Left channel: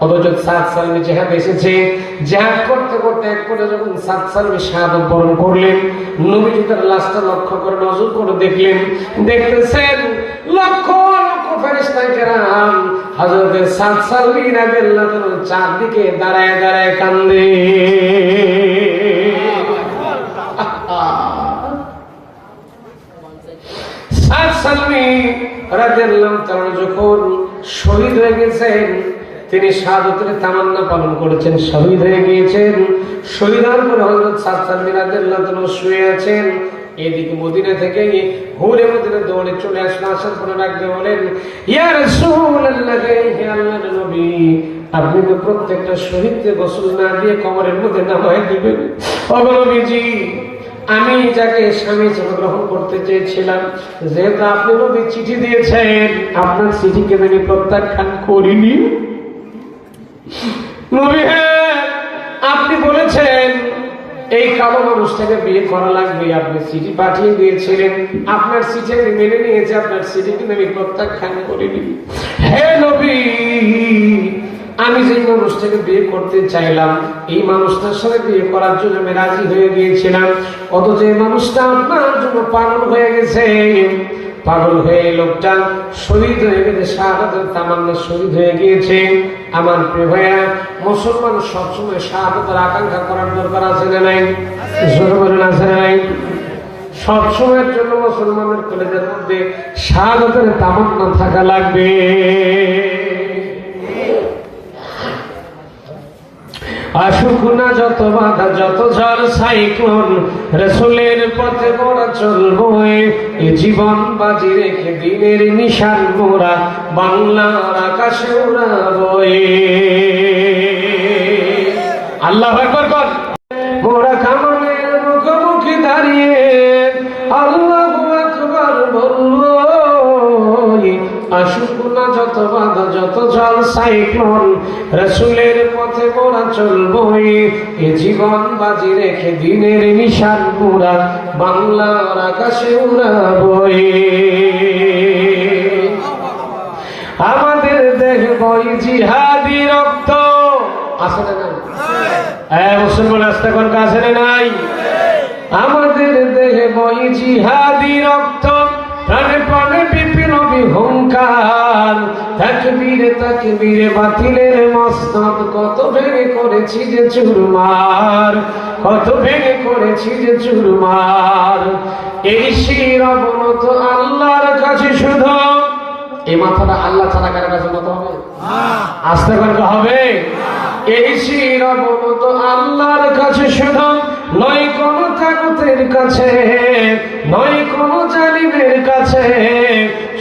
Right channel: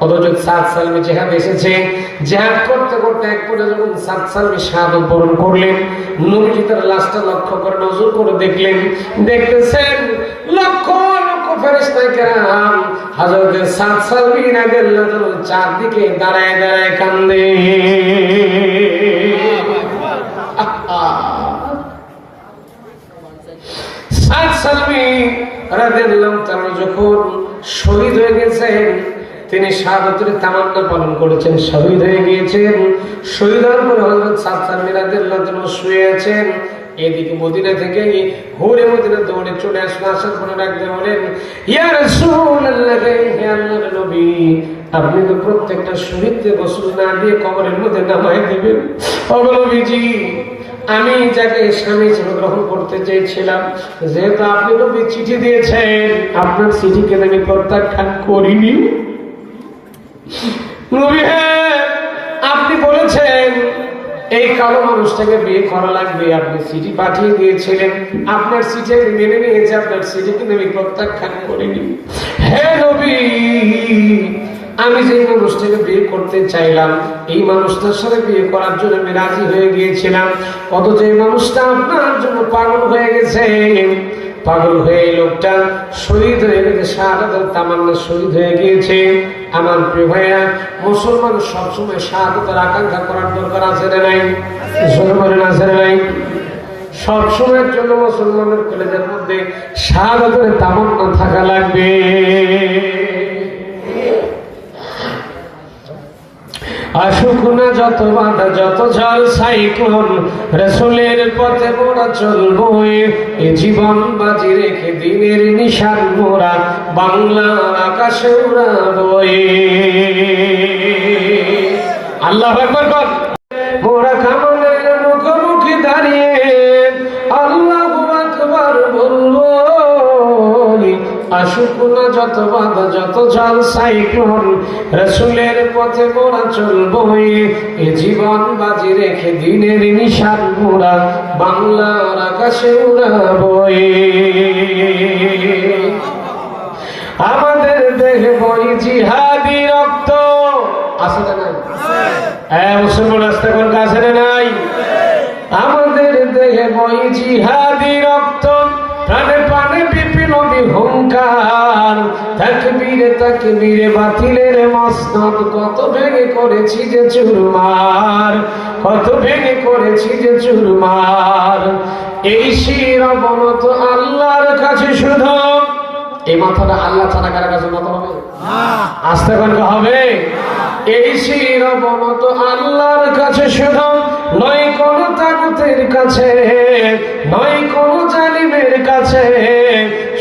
অথচ সাত সালমে এসেছে জেহাদ করতে করতে এক করে যখন সাত শাহাদত বরণ করলেন তার লাশটা লক্ষ্য করে নজর করে দেখলেন, দেখতেছেন লক্ষ সাত চারদিকে দাঁড়ায় দাঁড়ায় কান্দে সাত সালমি রাদিয়াল্লাহু তাআলা যখন শহীদ হয়ে গেছেন তিনি তামান্না পালন করেছেন, শহীদ হয়ে গিয়েছেন। শহীদ হওয়ার পরে হযরত সাত সালমি রাদিয়াল্লাহু শুয়ে আছেন। এদিকে মদিনা থেকে হুরে মদিনা দৌড়ে চলে আসলো, আসার পরে একজন বলেন, ইয়া রাসূলুল্লাহ ইয়া নবী, আপনি তো প্রত্যেকটা শহীদকে গোসল না দিয়ে কবরের মধ্যে নামায় দিবেন। অবলবীজি আমি যাকে স্বামী হিসেবে গ্রহণ করতে চেয়েছিলাম, যেহেতু আপনি চিঠি দিয়েছেন, আপনার চিঠিকে আমি প্রত্যাখ্যান করিনি। আপনি বলেছেন, এই কালো মানুষটাকে বিয়ে করা লাগবে, আপনি চিঠি পাঠিয়ে দিয়েছিলেন। আপনার চিঠি আমি মেনে নিয়েছি, আপনার চিঠিকে আমি প্রত্যাখ্যান করিনি। হে নবী, আমি যে মানুষটাকে বিয়ে করতে চাইলাম, এই মানুষটার সাথে বিয়ে করার জন্য আমি রাজি হয়ে গিয়েছিলাম। অথচ এই মানুষটা আপনার জন্য পাগল হয়ে গেছে। পাগল হয়ে লোকটা শহীদ হয়ে গেছে শাহাদাতের তামান্না শহীদ হয়ে গিয়েছে। আমার প্রিয় ভাইয়া মুসলমান সবসময় শাহাদাতের আকাঙ্ক্ষা করার দরকার আছে না নাই? আছে না নাই? সব সময়ের জন্য মুসলমানের কলেজের মধ্যে শাহাদাতের তামান্না থাকা লাগবে। আসুক যত বাধা, যত ঝড়, সাইক্লোন, রসুলের পথে মোরা চলবো এ জীবন বাজি রেখে দিনের নিশান মোরা, বাংলার আকাশে উড়াবো আল্লাহ দাঁড়িয়ে আল্লাহ আসুক যত বাধা, যত জল সাইক্লোন রসুলের পথে মোরা চলবো এ জীবন বাজি রেখে দিনের নিশান মোরা, বাংলার আকাশে উড়াবো আমাদের দেহ বই জিহাদি রক্ত। না নাই? হ্যাঁ মুসলমান আসতে কোন কাছে নাই। আমাদের দেহে বই জিহাদি রক্ত। তাকবীরে বাতিলের মসনদ, কত ভেঙে করেছি যে চুরমার, কত ভেঙে করেছি যে চুরমার। এই শির অবনত আল্লাহর কাছে শুধু, এই মাথাটা আল্লাহ ছাড়া কার কাছে মাথা হবে? আসতে পারবে হবে। এই শির অবনত আল্লাহর কাছে শুধু, নয় কোন তাগুতের কাছে, নয় কোন জালিমের কাছে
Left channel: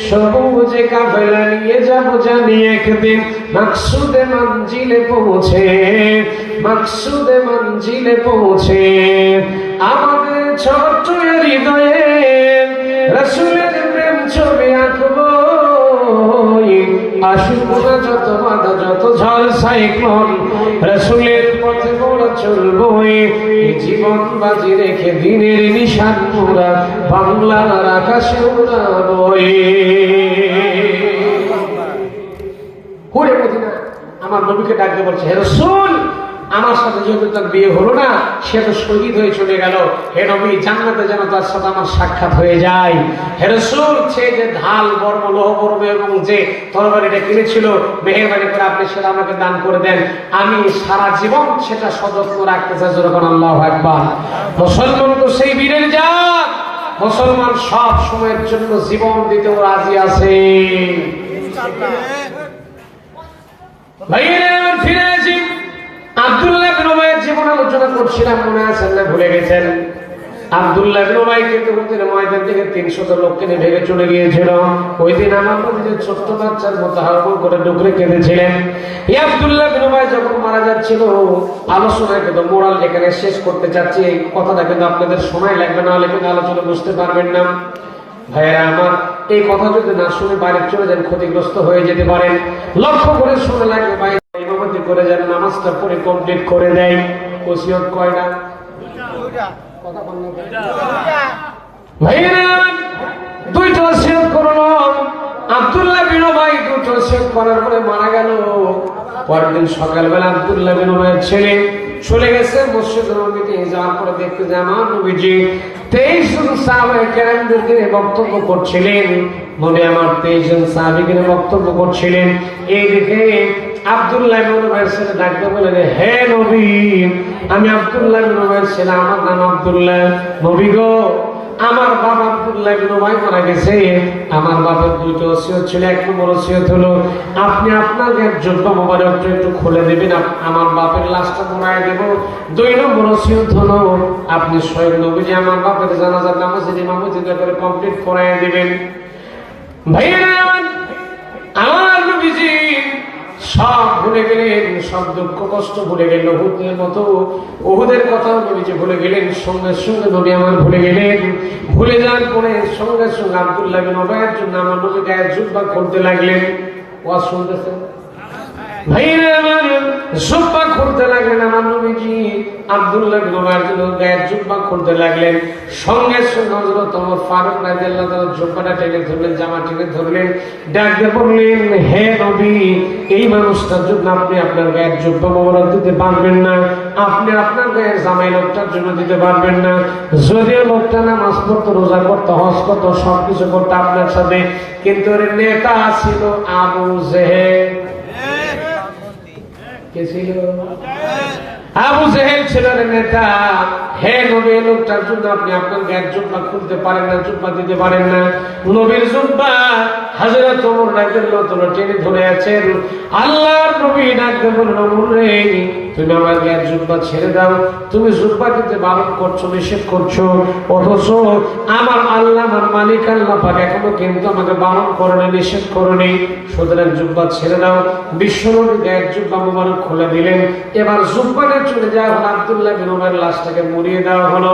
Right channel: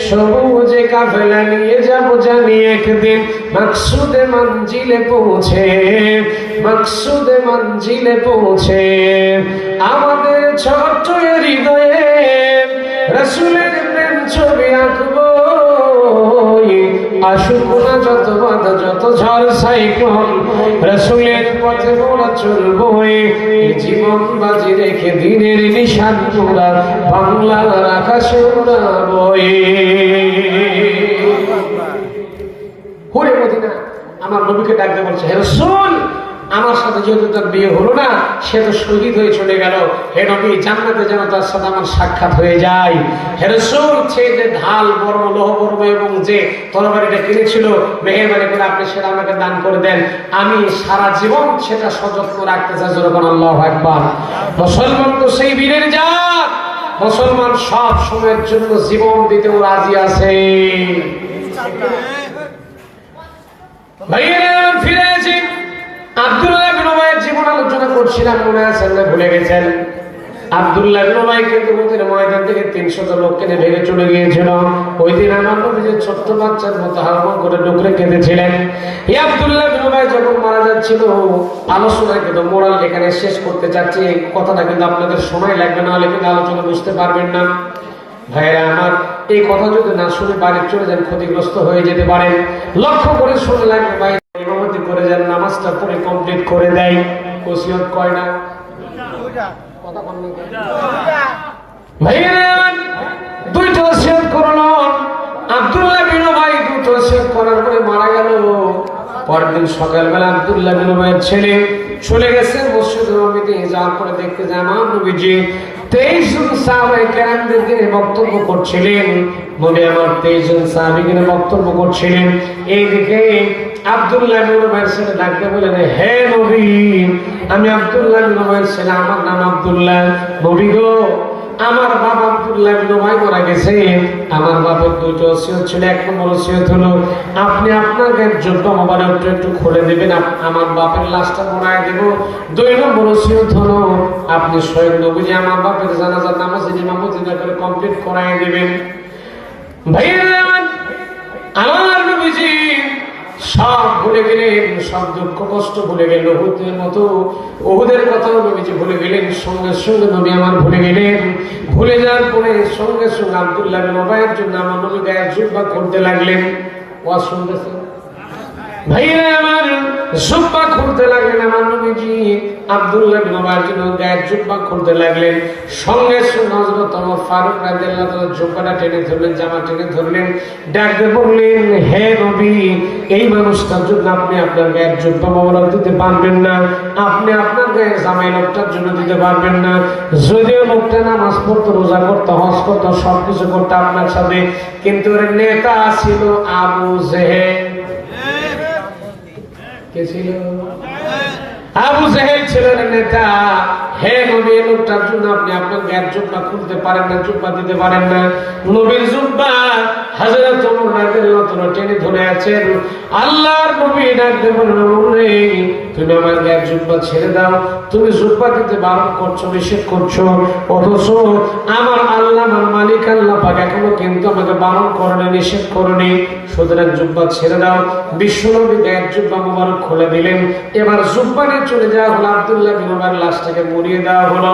সবুজে কাফেলা নিয়ে যাব জানি একদিন মাকসুদে মঞ্জিলে পৌঁছে মাকসুদে মঞ্জিলে পৌঁছে আমাদের ছোট্ট হৃদয়ে রসুলের প্রেম ছবি আঁকবো আসুক না যত বাধা যত ঝড় সাইক্লোন রসুলের পথে মোরা চলবো জীবন বাজি রেখে দিনের নিশান মোরা বাংলার আকাশে উড়াবো হুরে মদিনা আমার নবীকে ডাকতে বলছে, হে রসুল, আমার সাথে যেহেতু তার বিয়ে হলো না, সে তো শহীদ হয়ে চলে গেল। হে নবী, জান্নাতে যেন তার সাথে আমার সাক্ষাৎ হয়ে যায়। হে রসুল, সে যে ঢাল, বর্ম, লোহ, বর্ম এবং যে তরবারিটা কিনেছিল, মেহেরবানি করে আপনি সেটা আমাকে দান করে দেন। আমি সারা জীবন সেটা সযত্ন রাখতে চাই যেরকম আল্লাহ একবার মুসলমান তো সেই বীরের জাত। মুসলমান সব সময়ের জন্য জীবন দিতেও রাজি আছে। আব্দুল্লাহ আলোচনা করছিলাম ভুলে গেছেন? আব্দুল্লাহ কিন্তু ময়দান থেকে লোককে ভেঙে চলে গিয়েছিল। ওই দিন আমার যে ছোট্ট কেঁদেছিলেন। আব্দুল্লাহ যখন মারা এখানে শেষ করতে চাচ্ছি। কথাটা কিন্তু আপনাদের সময় লাগবে না আলোচনা বুঝতে পারবেন না। ভাইয়েরা আমার এই কথা যদি না শুনে বাড়ি চলে যান, ক্ষতিগ্রস্ত হয়ে যেতে পারেন। লক্ষ্য করে শুনে লাগবে, ভাই, ইমামতি করে যান, নামাজটা পড়ে কমপ্লিট করে দেয়। ওসিয়ত কয় না? দুইটা ওসিয়ত করল আব্দুল্লাহ বিন ভাই দুটো ওসিয়ত করার পরে মারা গেল। পরের দিন সকালবেলা আব্দুল্লাহ বিন ভাইয়ের ছেলে চলে গেছে, মসজিদ নবীতে যাওয়ার পরে দেখতে যে আমার নবীজি। তেইশ জন সাহাবায়ে কেরামদেরকে বক্তব্য করছিলেন নবী আমার তেইশ জন সাহাবিকে বক্তব্য করছিলেন। এইদিকে আব্দুল্লাহ বিন ভাইয়ের ছেলে ডাকতে বলেন হে নবী, আমি আব্দুল্লাহ বিন ভাইয়ের ছেলে, আমার নাম আব্দুল্লাহ। নবী গো আমার বাবা আব্দুল্লাহ নোমাই মারা গেছে। আমার বাবার দুটো অসিয়ত ছিল, এক নম্বর অসিয়ত হলো। আপনি আপনার একজন মোবারকটা একটু খুলে দেবেন আমার বাপের লাশটা মরায় দেব। দুই নম্বর অসিয়ত হলো, আপনি স্বয়ং নবীজি, আমার বাপের জানাজার নামাজে ইমামতি করে কমপ্লিট করাই দেবেন। ভাইয়া গেলেন, সব দুঃখ কষ্ট ভুলে গেল হুদের মতো, ওহুদের কথাও নবীজি ভুলে গেলেন, সঙ্গে সঙ্গে নবী আমার ভুলে গেলেন। ভুলে যাওয়ার পরে সঙ্গে সঙ্গে আব্দুল্লাহ বিন জন্য আমার নবী গায়ের জুব্বা করতে লাগলেন। ও শুনতেছেন আপনি আপনার গায়ের জুব্বা মোবারক দিতে পারবেন না, আপনি আপনার গায়ের জামাই লোকটার জন্য দিতে পারবেন না। যদিও লোকটা নামাজ পড়তো, রোজা করতো, হজ করতো, সবকিছু করতো আপনার সাথে, কিন্তু নেতা ছিল আবু জেহেল। কে ছিল? আবু জাহেল ছিলেন নেতা। হে নবী, লোকটার জন্য আপনি আপনার জ্ঞান জুব্বা খুলতে পারেন না জুব্বা দিতে পারেন না। নবীর জুব্বা হাজরত রাদিয়াল্লাহু তাআলা টেনে ধরে আছেন আল্লাহর নবী ডাকতে বললেন তুমি আমার গায়ের জুব্বা ছেড়ে দাও, তুমি জুব্বা দিতে বারণ করছ, নিষেধ করছ, অথচ আমার আল্লাহ, আমার মালিক আল্লাহ পাক এখনও কিন্তু আমাকে বারণ করেনি, নিষেধ করেনি। সুতরাং জুব্বা ছেড়ে দাও। বিশ্বনবী গায়ের জুব্বা মোবারক খুলে দিলেন। এবার জুব্বানে চলে যাওয়া হলো আব্দুল্লাহ লাশটাকে মরিয়ে দেওয়া হলো।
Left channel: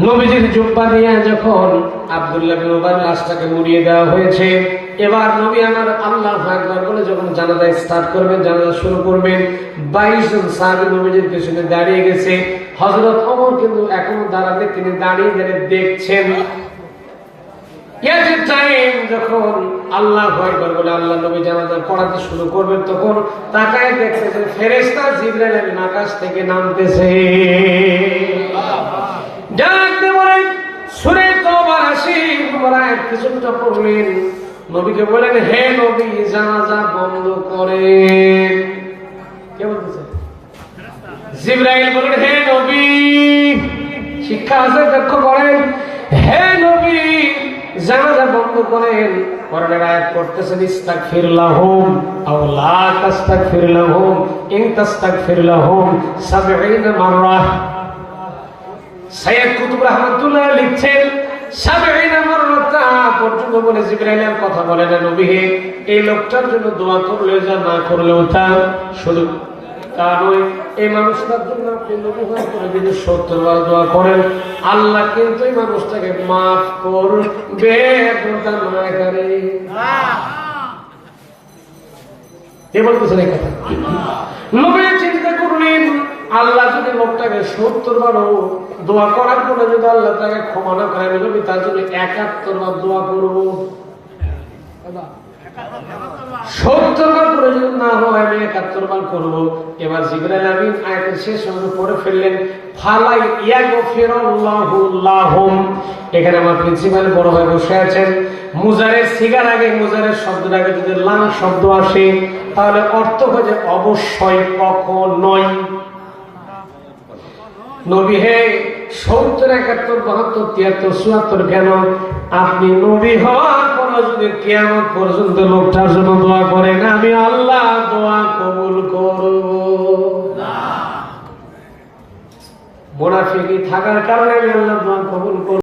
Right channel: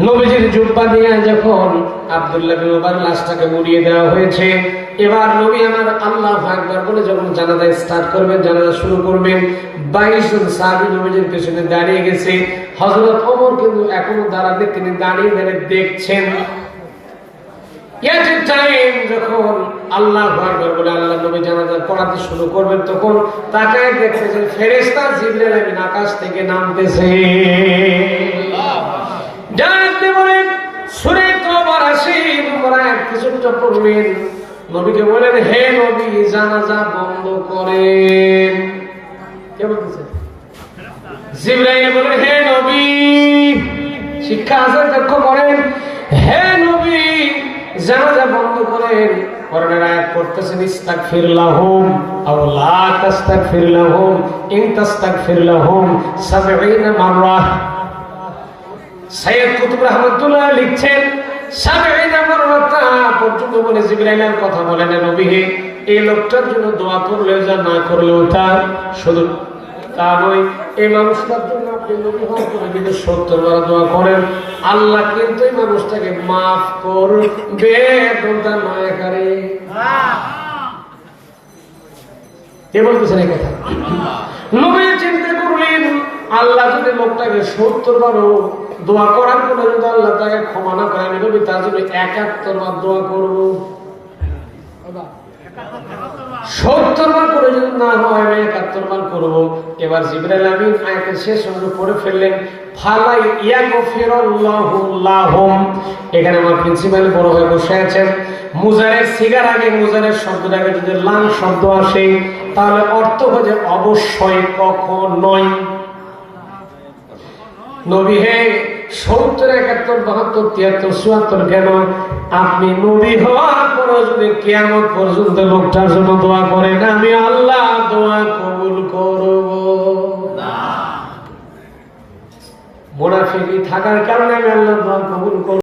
নবীজির জুব্বা দিয়া যখন আব্দুল্লাহ লাশটাকে মুড়িয়ে দেওয়া হয়েছে, এবার নবী আমার আল্লাহ একবার বলে, যখন জানাজা স্টার্ট করবেন, জানাজা শুরু করবেন, বাইশ জন নবীজির পেছনে দাঁড়িয়ে গেছে। হযরত ওমর কিন্তু এখনও দাঁড়াবে, তিনি দাঁড়িয়ে দাঁড়িয়ে দেখছেন যখন আল্লাহ বলে, আল্লাহ নবী জানাজা পড়াতে শুরু করবেন, তখন তাকায় দেখতে যে ফেরেশতা জিবরাইল আমিন আকাশ থেকে নামতেছে। ডাকতে বলেন সুরে আসি তোমরা এক কিছুটা নবীকে বলেন হে নবী, জানাজা বন্ধ করেন। কে বলতেছে? জিব্রাইল হে নবী, শিক্ষা আছে লক্ষ্য করেন। হে নবী, জানাজা বন্ধ করেন। কোরআনের আয়াত পড়তেছেন ইস্তাগফির লাহুম আও লা তাস্তাগফির লাহুম ইন তাস্তাগফির লাহুম 70 মাররা। লিখছেন 70 পর্যন্ত বলে নবী এই লোকটার জন্য দোয়া যা, না করলেও তা, শুধু তা নয়, এই মানুষটার জন্য আল্লাহ কিন্তু এই মানুষটাকে মাফ করবে চিন্তা করলেন, আল্লাহ যদি লোকটাকে সত্তর বারও দোয়া করার পরে যদি আল্লাহ তাকে ক্ষমা না করে আমি নবী, তার জন্য একাত্তর বার দোয়া করব। সত্তর বার করে যদি না হয়, আমি একাত্তর বার করব। এবার জিবরাইল আমিন আয়াতের শেষ অংশ পড়ে ফেললেন, ফালাই ইয়াগফিরাল্লাহু লাহুম। এখানে আমার প্রিন্সিপাল বড় ভাই বসে আছেন। মুজারের সিগার আগে, মুজারের শব্দের আগে যদি লাম শব্দ আসে, তাহলে অর্থ হচ্ছে অবশ্যই, কখনোই। নবী হে সত্তর একাত্তর বাহাত্তর তিয়াত্তর চুয়াত্তর কেন? আপনি নবী হওয়ার পরও যদি কেমন পর্যন্ত লোকটার জন্য দোয়া করেন আমি আল্লাহ দোয়া কবুল করব। মোনাফিকি থাকার কারণে আমি আল্লাহ দোয়া কবুল করব।